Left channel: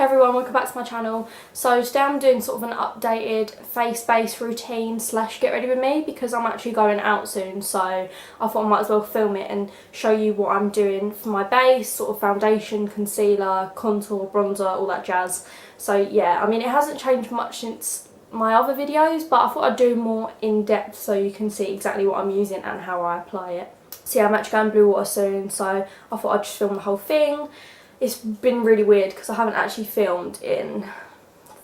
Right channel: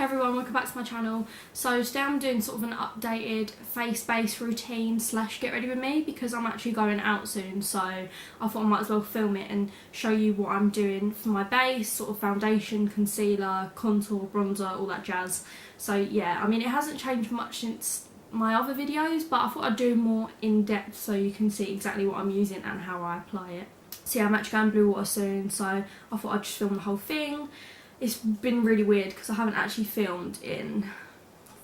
Hey everyone, welcome back to my channel. So today I'm doing sort of an updated face-based routine / get ready with me because I'm actually going out soon, so I thought I might as well film it and show you what I'm doing for my base, sort of foundation, concealer, contour, bronzer, all that jazz. So yeah, I mean it hasn't changed much since my other videos, but I thought I'd do more in depth so you can see exactly what I'm using and how I apply it. So yeah, I'm actually going blue water soon, so I thought I'd just film the whole thing. It's been really weird because I haven't actually filmed in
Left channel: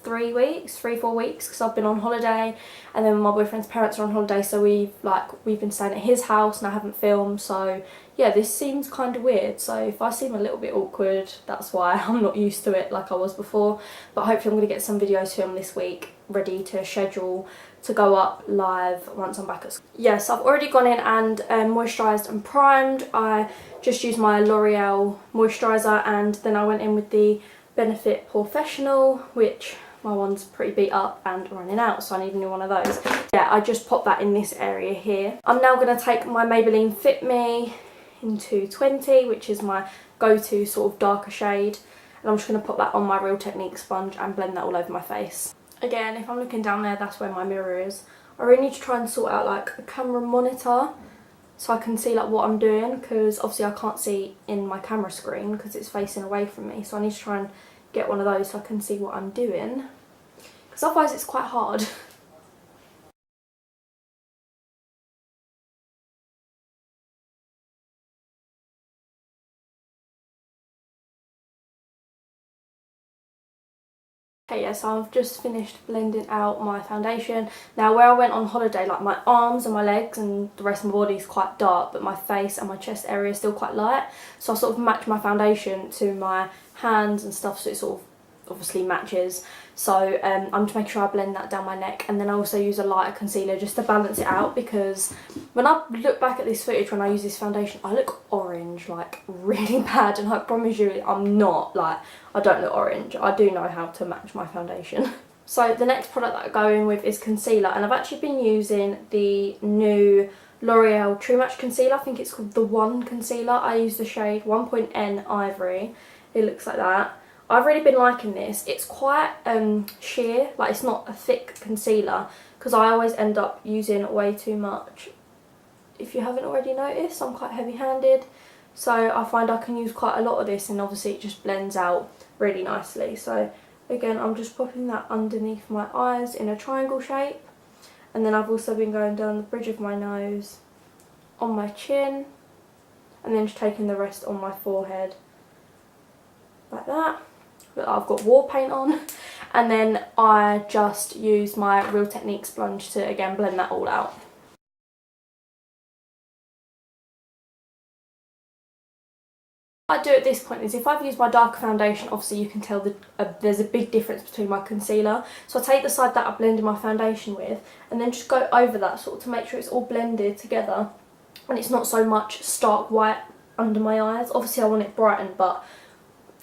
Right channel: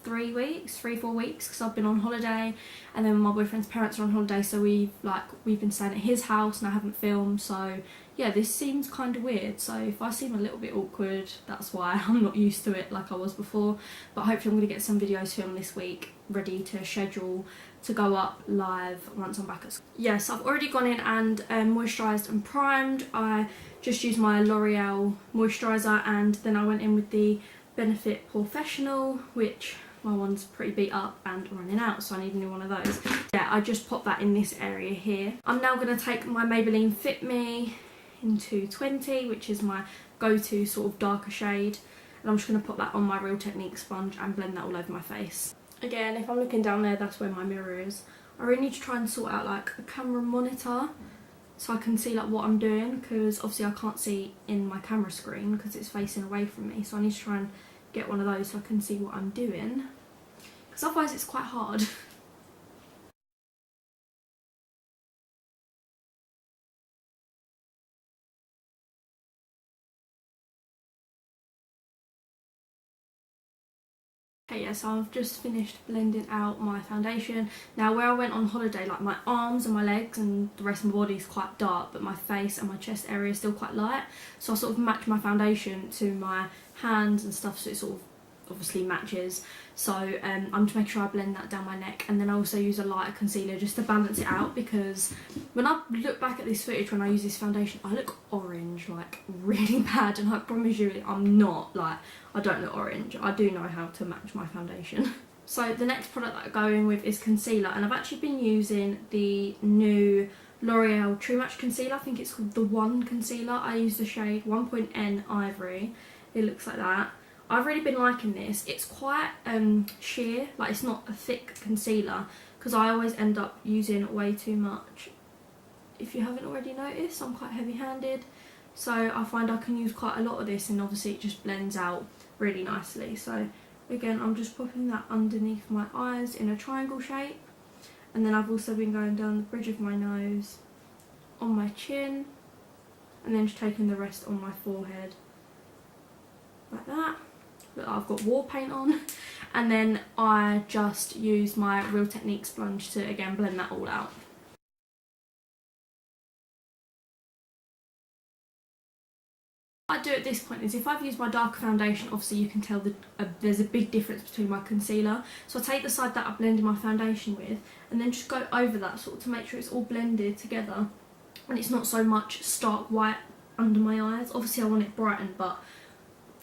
4 weeks because I've been on holiday, and then my boyfriend's parents are on holiday, so we've been staying at his house and I haven't filmed. So yeah, this seems kind of weird, so if I seem a little bit awkward, that's why. I'm not used to it like I was before, but hopefully I'm going to get some videos filmed this week ready to schedule to go up live once I'm back at school. Yes, I've already gone in and moisturised and primed. I just used my L'Oreal moisturiser, and then I went in with the Benefit Professional, which my one's pretty beat up and running out, so I need a new one of those. Yeah, I just popped that in this area here. I'm now going to take my Maybelline Fit Me in 220, which is my go-to sort of darker shade, and I'm just going to pop that on my Real Technique sponge and blend that all over my face. Again, if I'm looking down there, that's where my mirror is. I really need to try and sort out like a camera monitor so I can see like what I'm doing, because obviously I can't see in my camera screen because it's facing away from me, so I need to try and get one of those so I can see what I'm doing, because otherwise it's quite hard. Okay, yeah, so I've just finished blending out my foundation. Now where I went on holiday, like my arms and my legs and the rest of my body is quite dark, but my face and my chest area is still quite light. So I sort of match my foundation to my hands and stuff, so it sort of obviously matches. So I'm just making sure I blend that down my neck, and then I also use a lighter concealer just to balance it out, because when I look back at this footage when I use this foundation, I look orange, like really bad, and I promise you I'm not, like, I don't look orange. I do know how to match my foundation. So the next product that I go in with is concealer, and I've actually been using the new L'Oreal True Match concealer. I think it's called the One concealer. I use the shade 1.N Ivory. It looks like that. I've really been liking this. It's quite sheer, like it's not a thick concealer, because I always end up using way too much. If you haven't already noticed, I'm quite heavy-handed, so I find I can use quite a lot of this, and obviously it just blends out really nicely. So again, I'm just popping that underneath my eyes in a triangle shape, and then I've also been going down the bridge of my nose, on my chin, and then just taking the rest on my forehead like that. I've got war paint on, and then I just use my Real Technique sponge to again blend that all out. What I do at this point is, if I've used my darker foundation, obviously you can tell that there's a big difference between my concealer, so I take the side that I blended my foundation with and then just go over that sort of to make sure it's all blended together and it's not so much stark white under my eyes. Obviously I want it brightened, but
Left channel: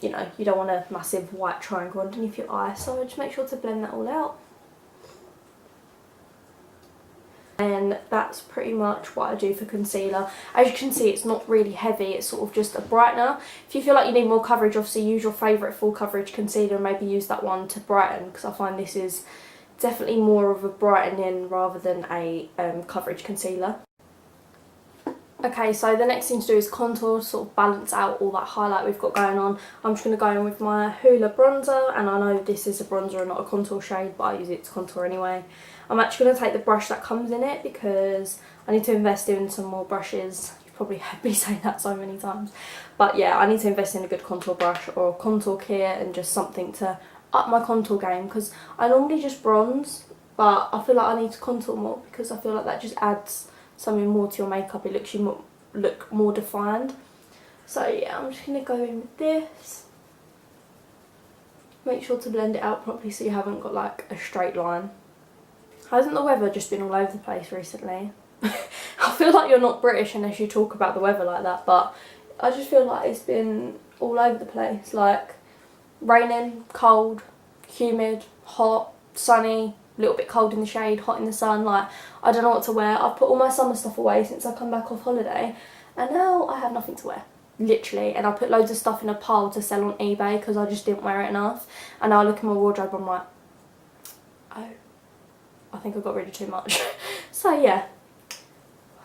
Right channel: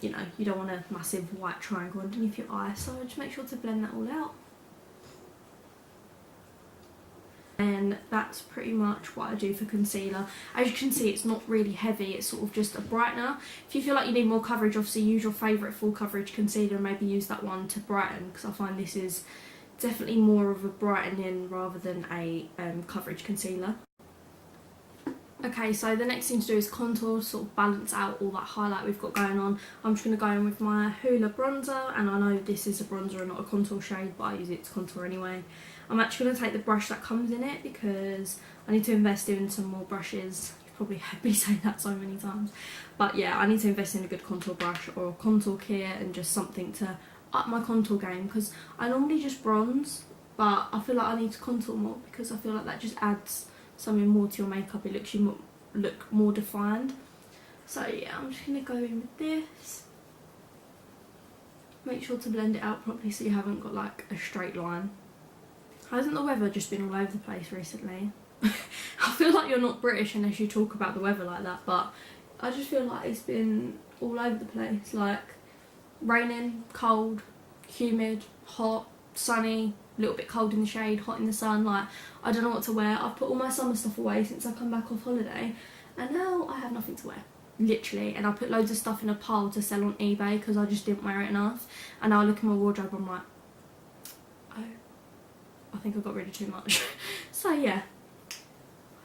you know, you don't want a massive white triangle underneath your eye, so just make sure to blend that all out. And that's pretty much what I do for concealer. As you can see, it's not really heavy, it's sort of just a brightener. If you feel like you need more coverage, obviously use your favourite full coverage concealer and maybe use that one to brighten, because I find this is definitely more of a brightening rather than a coverage concealer. Okay, so the next thing to do is contour, sort of balance out all that highlight we've got going on. I'm just going to go in with my Hoola bronzer, and I know this is a bronzer and not a contour shade, but I use it to contour anyway. I'm actually going to take the brush that comes in it because I need to invest in some more brushes. You've probably heard me say that so many times. But yeah, I need to invest in a good contour brush or a contour kit and just something to up my contour game, because I normally just bronze, but I feel like I need to contour more because I feel like that just adds something more to your makeup. It looks you look more defined. So yeah, I'm just going to go in with this. Make sure to blend it out properly so you haven't got like a straight line. Hasn't the weather just been all over the place recently? I feel like you're not British unless you talk about the weather like that, but I just feel like it's been all over the place. Like raining, cold, humid, hot, sunny, a little bit cold in the shade, hot in the sun. Like, I don't know what to wear. I've put all my summer stuff away since I come back off holiday, and now I have nothing to wear. literally, and I put loads of stuff in a pile to sell on eBay because I just didn't wear it enough. And now I look in my wardrobe, I'm like, oh, I think I got rid of too much. So yeah,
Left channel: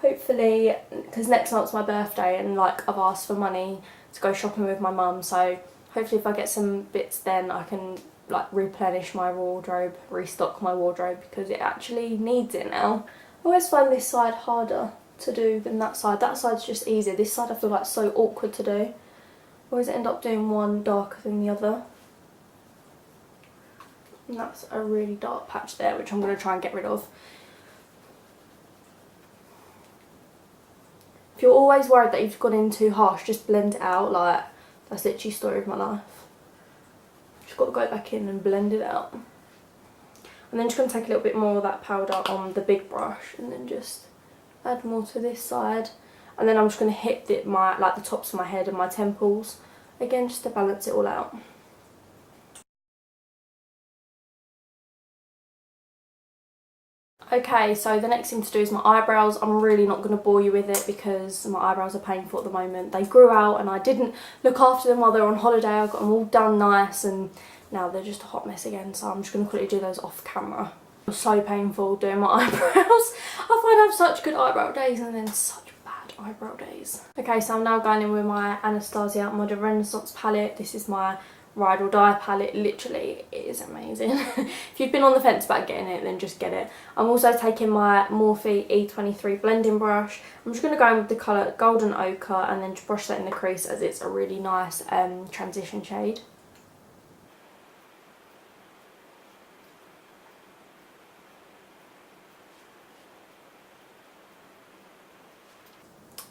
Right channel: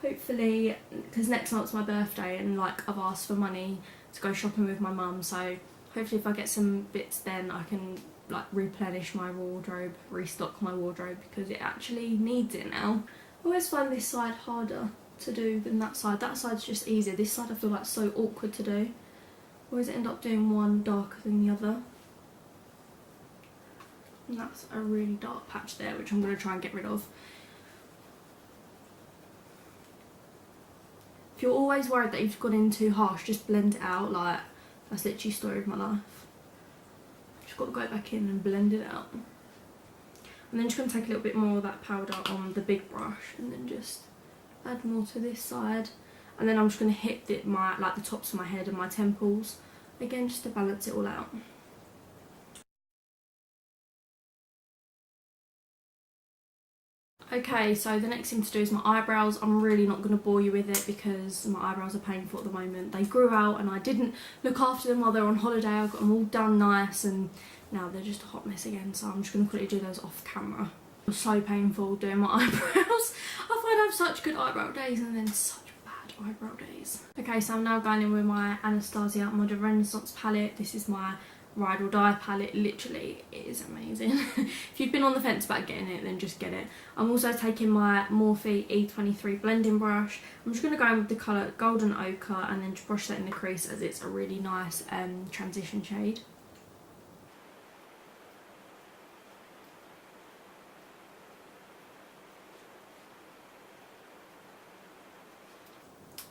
hopefully, because next month's my birthday and like I've asked for money to go shopping with my mum, so hopefully if I get some bits then I can like replenish my wardrobe, restock my wardrobe, because it actually needs it now. I always find this side harder to do than that side. That side's just easier. This side I feel like so awkward to do. Always end up doing one darker than the other. And that's a really dark patch there, which I'm going to try and get rid of. If you're always worried that you've gone in too harsh, just blend it out. Like, that's literally the story of my life. Just got to go back in and blend it out. And then just going to take a little bit more of that powder on the big brush and then just add more to this side. And then I'm just going to hit the tops of my head and my temples again, just to balance it all out. Okay, so the next thing to do is my eyebrows. I'm really not going to bore you with it because my eyebrows are painful at the moment. They grew out and I didn't look after them while they were on holiday. I got them all done nice and now they're just a hot mess again, so I'm just going to quickly do those off camera. It was so painful doing my eyebrows. I find I have such good eyebrow days and then such bad eyebrow days. Okay, so I'm now going in with my Anastasia Modern Renaissance palette. This is my Ride or Die palette. Literally, it is amazing. If you've been on the fence about getting it, then just get it. I'm also taking my Morphe E23 blending brush. I'm just going to go in with the colour Golden Ochre and then just brush that in the crease as it's a really nice transition shade.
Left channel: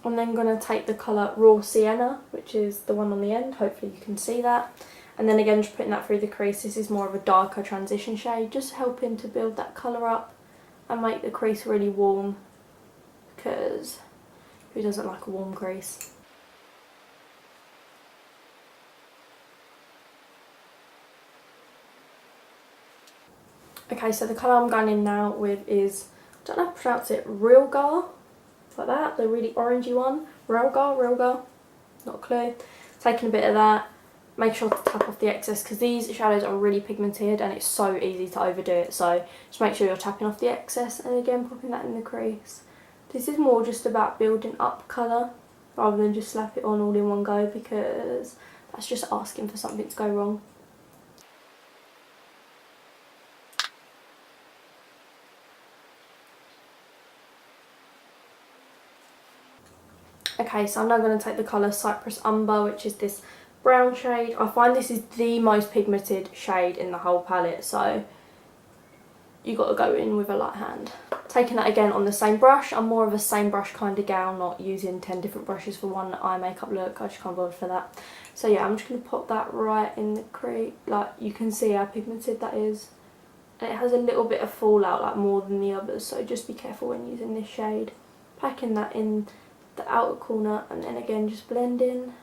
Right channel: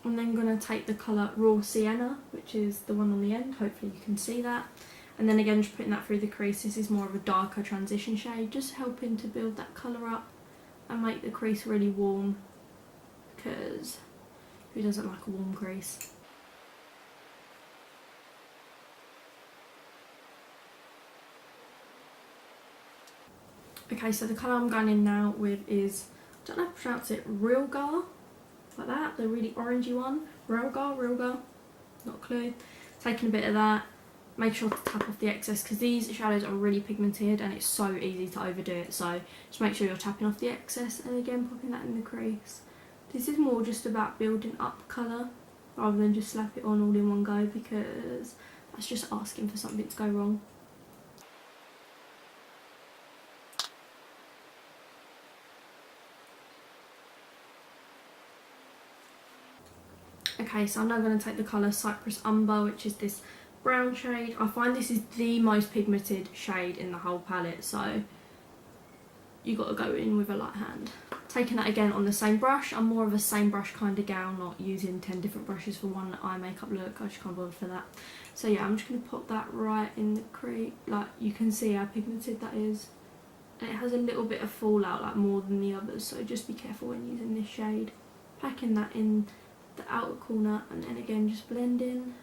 I'm then going to take the colour Raw Sienna, which is the one on the end. Hopefully you can see that. And then again, just putting that through the crease. This is more of a darker transition shade, just helping to build that colour up and make the crease really warm, because who doesn't like a warm crease? Okay, so the colour I'm going in now with is, I don't know how to pronounce it, Realgar, like that, the really orangey one. Realgar, not a clue. Taking a bit of that. Make sure to tap off the excess because these shadows are really pigmented and it's so easy to overdo it, so just make sure you're tapping off the excess and again popping that in the crease. This is more just about building up colour rather than just slap it on all in one go, because that's just asking for something to go wrong. Okay, so I'm now going to take the colour Cypress Umber, which is this brown shade. I find this is the most pigmented shade in the whole palette, so you got to go in with a light hand. Taking that again on the same brush. I'm more of a same brush kind of gal, not using 10 different brushes for one eye makeup look. I just can't bother for that. So yeah, I'm just going to pop that right in the crease. Like, you can see how pigmented that is. And it has a little bit of fallout, like more than the others, so just be careful when using this shade. Packing that in the outer corner and then again just blend in.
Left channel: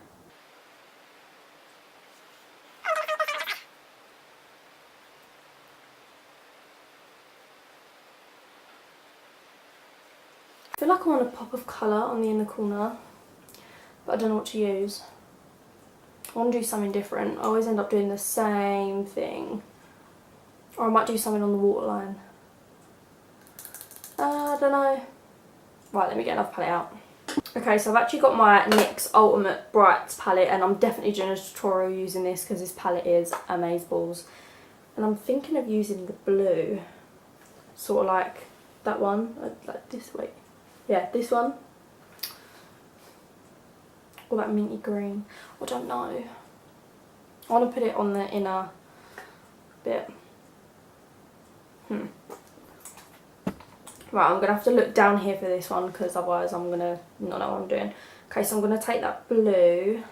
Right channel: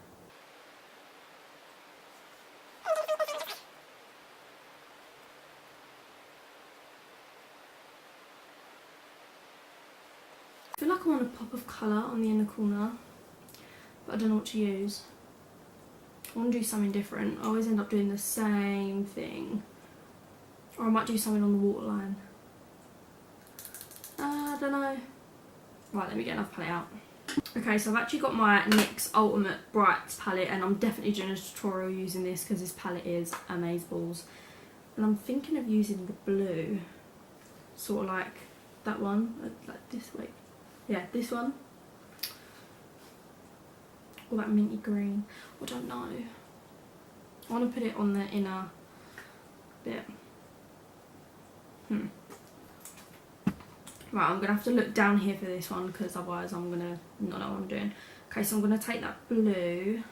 I feel like I want a pop of colour on the inner corner, but I don't know what to use. I want to do something different. I always end up doing the same thing. Or I might do something on the waterline. I don't know. Right, let me get another palette out. Okay, so I've actually got my NYX Ultimate Brights palette, and I'm definitely doing a tutorial using this because this palette is amazeballs. And I'm thinking of using the blue, sort of like that one, like this way. Yeah, this one. Or that minty green. I don't know. I want to put it on the inner bit. Right, I'm going to have to look down here for this one because otherwise I'm going to not know what I'm doing. Okay, so I'm going to take that blue.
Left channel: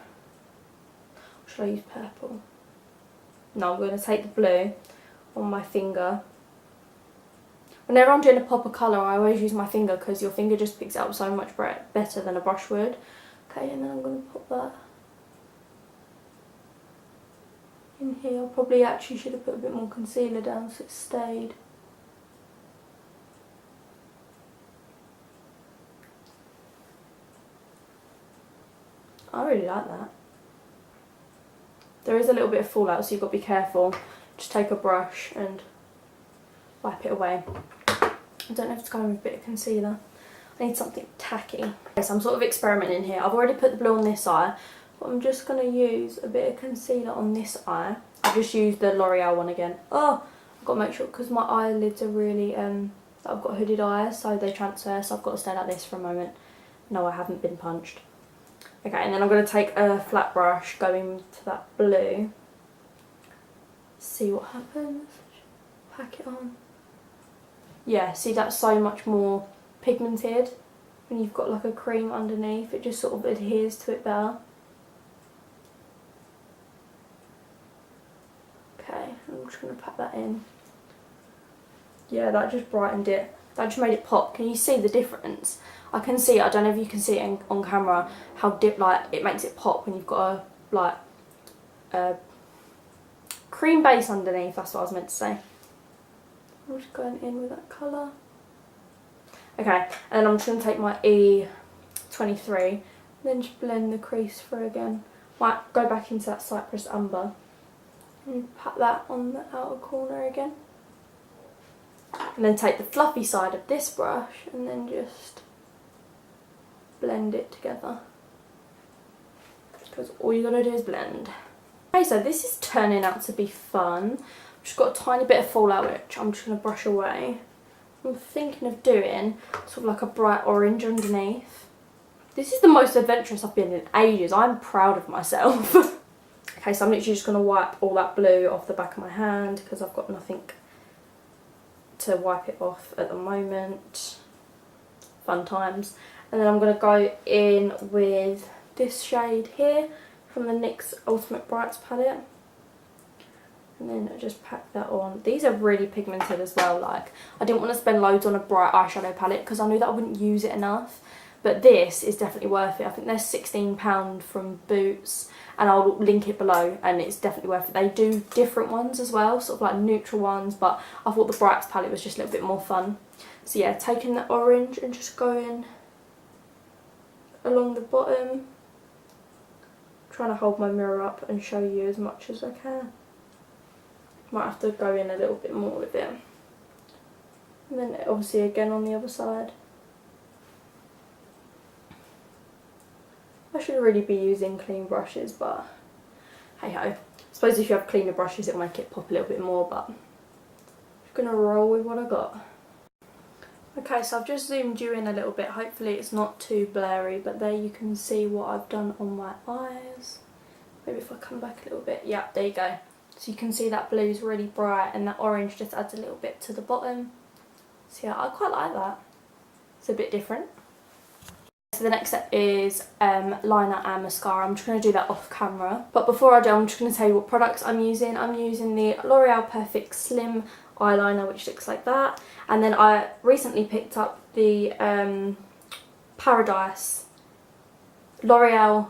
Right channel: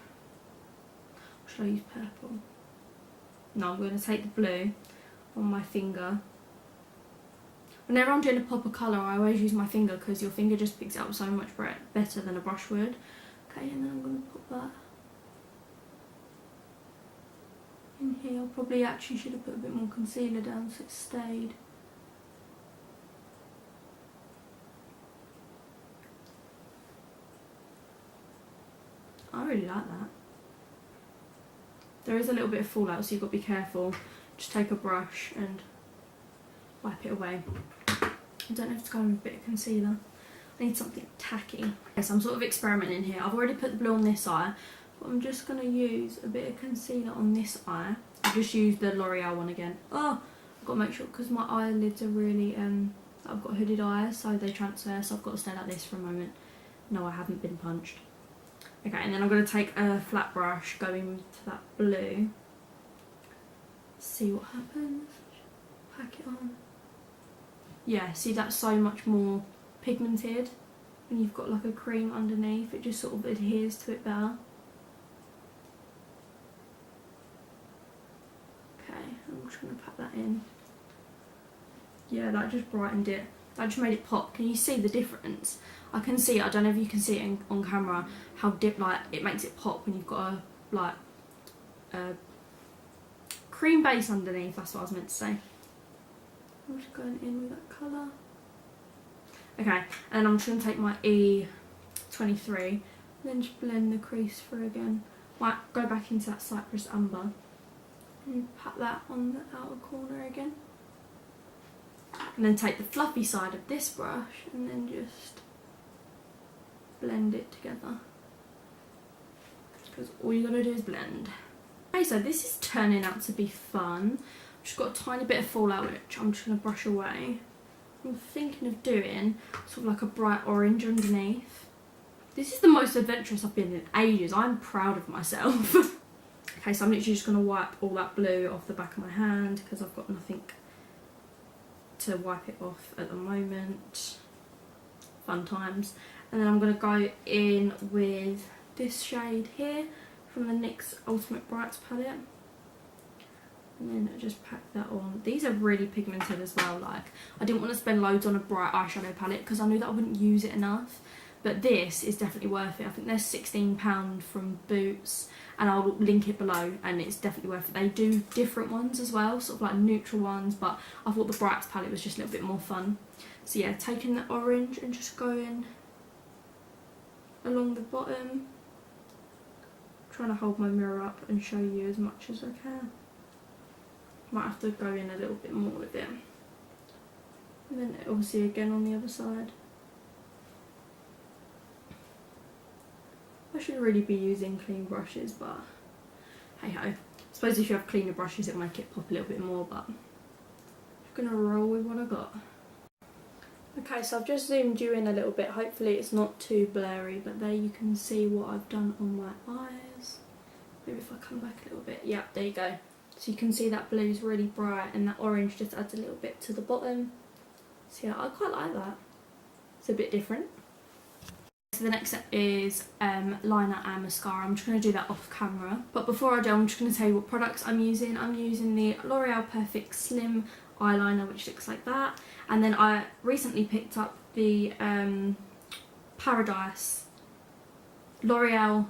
Or should I use purple? No, I'm going to take the blue on my finger. Whenever I'm doing a pop of colour, I always use my finger because your finger just picks it up so much better than a brush would. Okay, and then I'm going to pop that in here. I probably actually should have put a bit more concealer down so it stayed. I really like that. There is a little bit of fallout, so you've got to be careful. Just take a brush and wipe it away. I don't know if it's going with a bit of concealer. I need something tacky. Okay, so I'm sort of experimenting here. I've already put the blue on this eye, but I'm just going to use a bit of concealer on this eye. I've just used the L'Oreal one again. Oh, I've got to make sure, because my eyelids are really, I've got hooded eyes, so they transfer, so I've got to stay like this for a moment. No, I haven't been punched. Okay, and then I'm going to take a flat brush, go into that blue. See what happens. Pack it on. Yeah, see, that's so much more pigmented when you've got like a cream underneath. It just sort of adheres to it better. Okay, I'm just going to pack that in. Yeah, that just brightened it. That just made it pop. Can you see the difference? I can see, I don't know if you can see it on camera, how like it makes it pop when you've got a cream base underneath. That's what I was meant to say. I'm just going in with that colour. Okay, and I'm just going to take my E23 and then just blend the crease through again. Might go back into that Cypress Umber and pat that on the outer corner again. And then take the fluffy side of this brush and then just blend it together. Because all you gotta do is blend. Okay, so this is turning out to be fun. I've just got a tiny bit of fallout which I'm just gonna brush away. I'm thinking of doing sort of like a bright orange underneath. This is the most adventurous I've been in ages. I'm proud of myself. Okay, so I'm literally just gonna wipe all that blue off the back of my hand because I've got nothing to wipe it off at the moment. Fun times. And then I'm going to go in with this shade here from the NYX Ultimate Brights palette. And then I just pack that on. These are really pigmented as well. Like, I didn't want to spend loads on a bright eyeshadow palette because I knew that I wouldn't use it enough. But this is definitely worth it. I think they're £16 from Boots, and I'll link it below, and it's definitely worth it. They do different ones as well, sort of like neutral ones, but I thought the Brights palette was just a little bit more fun. So yeah, taking the orange and just going along the bottom. Trying to hold my mirror up and show you as much as I can. Might have to go in a little bit more with it. And then obviously again on the other side. I should really be using clean brushes, but hey ho. I suppose if you have cleaner brushes it'll make it pop a little bit more, but I'm just going to roll with what I got. Okay, so I've just zoomed you in a little bit. Hopefully it's not too blurry, but there you can see what I've done on my eyes. Maybe if I come back a little bit. Yeah, there you go. So you can see that blue's really bright and that orange just adds a little bit to the bottom. So yeah, I quite like that. It's a bit different. So the next step is liner and mascara. I'm just going to do that off camera. But before I do, I'm just going to tell you what products I'm using. I'm using the L'Oreal Perfect Slim eyeliner, which looks like that. And then I recently picked up the Paradise. L'Oreal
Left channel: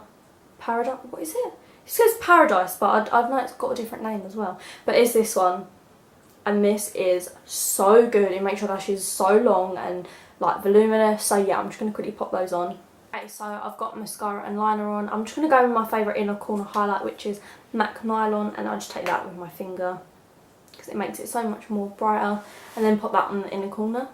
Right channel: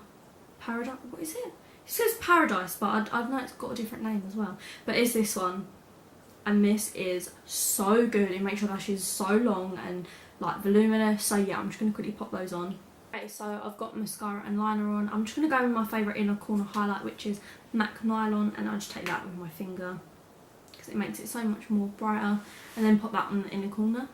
Paradise, what is it? It says Paradise, but I know it's got a different name as well. But it's this one. And this is so good. It makes your lashes so long and like voluminous. So yeah, I'm just going to quickly pop those on. Okay, so I've got mascara and liner on. I'm just going to go with my favourite inner corner highlight, which is MAC Nylon, and I'll just take that with my finger because it makes it so much more brighter, and then pop that on the inner corner.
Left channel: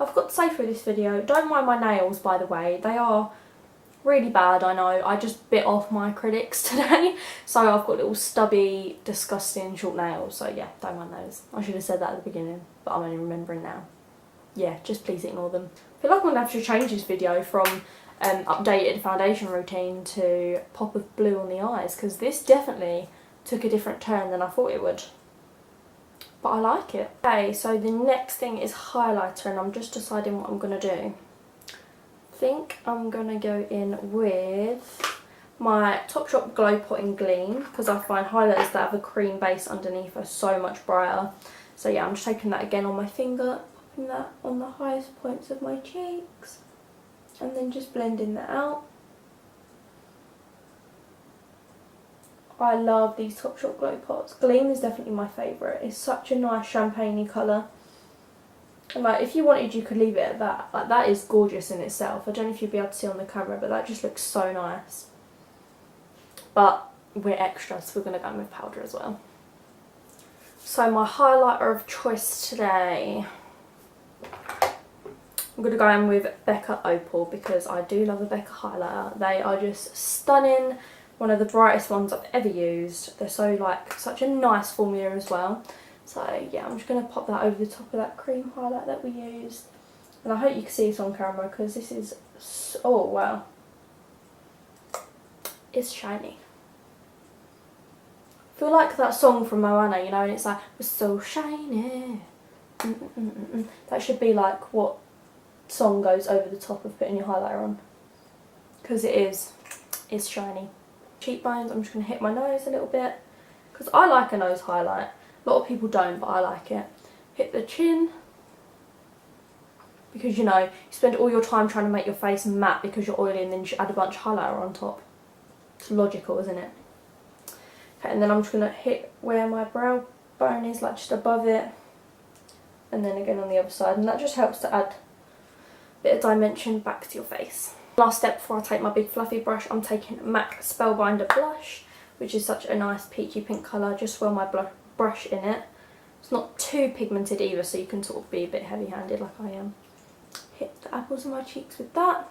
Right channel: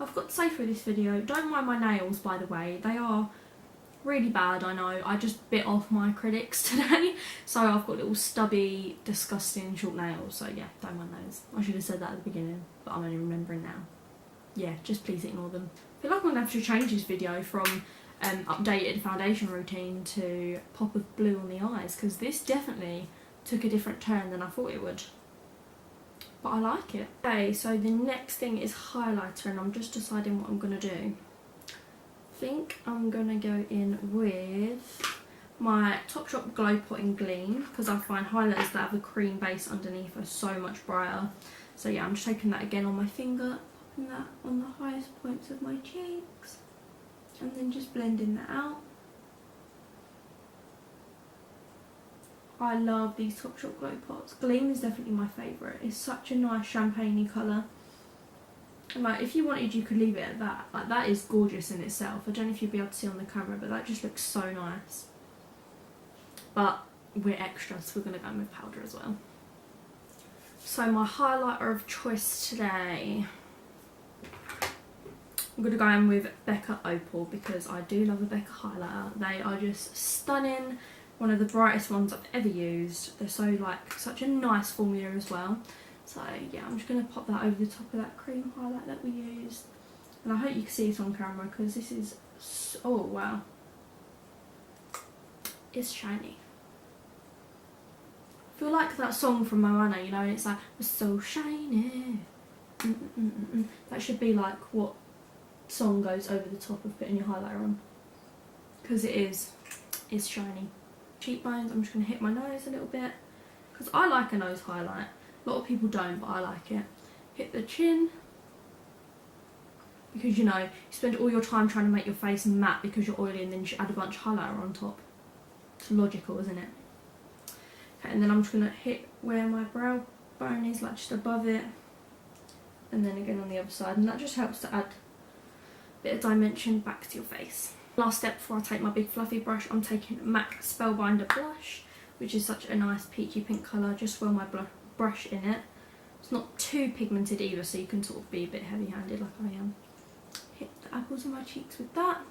I've got to say for this video, don't mind my nails by the way, they are really bad, I know. I just bit off my acrylics today, so I've got little stubby, disgusting short nails, so yeah, don't mind those. I should have said that at the beginning, but I'm only remembering now. Yeah, just please ignore them. I feel like I'm going to have to change this video from updated foundation routine to pop of blue on the eyes, because this definitely took a different turn than I thought it would. But I like it. Okay, so the next thing is highlighter, and I'm just deciding what I'm going to do. I think I'm going to go in with my Topshop Glow Pot in Gleam, because I find highlighters that have a cream base underneath are so much brighter. So yeah, I'm just taking that again on my finger, popping that on the highest points of my cheeks, and then just blending that out. I love these Topshop Glow Pots. Gleam is definitely my favourite. It's such a nice champagne-y colour. And like, if you wanted, you could leave it at that. Like, that is gorgeous in itself. I don't know if you'll be able to see on the camera, but that just looks so nice. But we're extra, so we're going to go in with powder as well. So my highlighter of choice today, I'm going to go in with Becca Opal because I do love a Becca highlighter. They are just stunning. One of the brightest ones I've ever used. They're so like, such a nice formula as well. So yeah, I'm just going to pop that over the top of that cream highlight that we used. And I hope you can see it on camera because this is, oh wow. It's shiny. I feel like that song from Moana, you know, and it's like, we're so shiny. That should be like what song goes over the top of putting your highlighter on. Because it's shiny. Cheekbones, I'm just going to hit my nose a little bit. Because I like a nose highlight. A lot of people don't, but I like it. Hit the chin. Because, you know, you spend all your time trying to make your face matte because you're oily and then you add a bunch of highlighter on top. It's logical, isn't it? Okay, and then I'm just going to hit where my brow bone is, like just above it. And then again on the other side. And that just helps to add a bit of dimension back to your face. Last step before I take my big fluffy brush, I'm taking MAC Spellbinder Blush, which is such a nice peachy pink colour. Just swirl my brush in it. It's not too pigmented either, so you can sort of be a bit heavy-handed like I am. Hit the apples of my cheeks with that.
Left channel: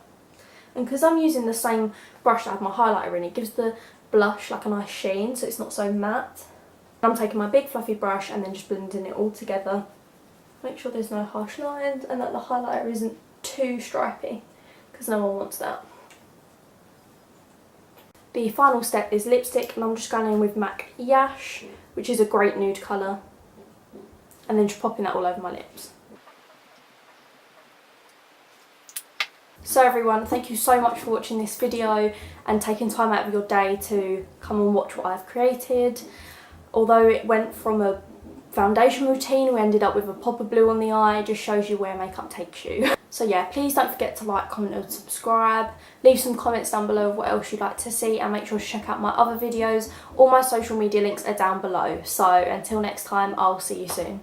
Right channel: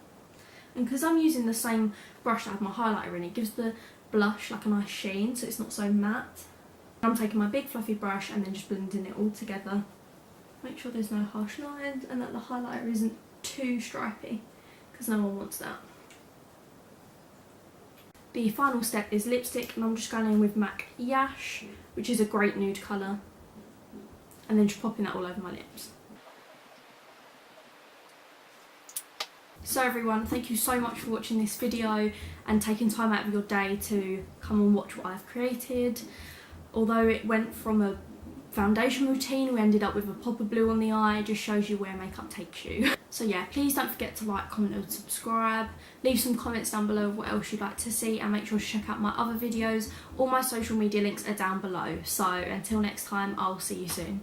And because I'm using the same brush that I have my highlighter in, it gives the blush like a nice sheen, so it's not so matte. I'm taking my big fluffy brush and then just blending it all together. Make sure there's no harsh lines and that the highlighter isn't too stripy, because no one wants that. The final step is lipstick, and I'm just going in with MAC Yash, which is a great nude colour, and then just popping that all over my lips. So everyone, thank you so much for watching this video and taking time out of your day to come and watch what I've created. Although it went from a foundation routine, we ended up with a pop of blue on the eye. It just shows you where makeup takes you. So yeah, please don't forget to like, comment and subscribe. Leave some comments down below of what else you'd like to see, and make sure to check out my other videos. All my social media links are down below. So until next time, I'll see you soon.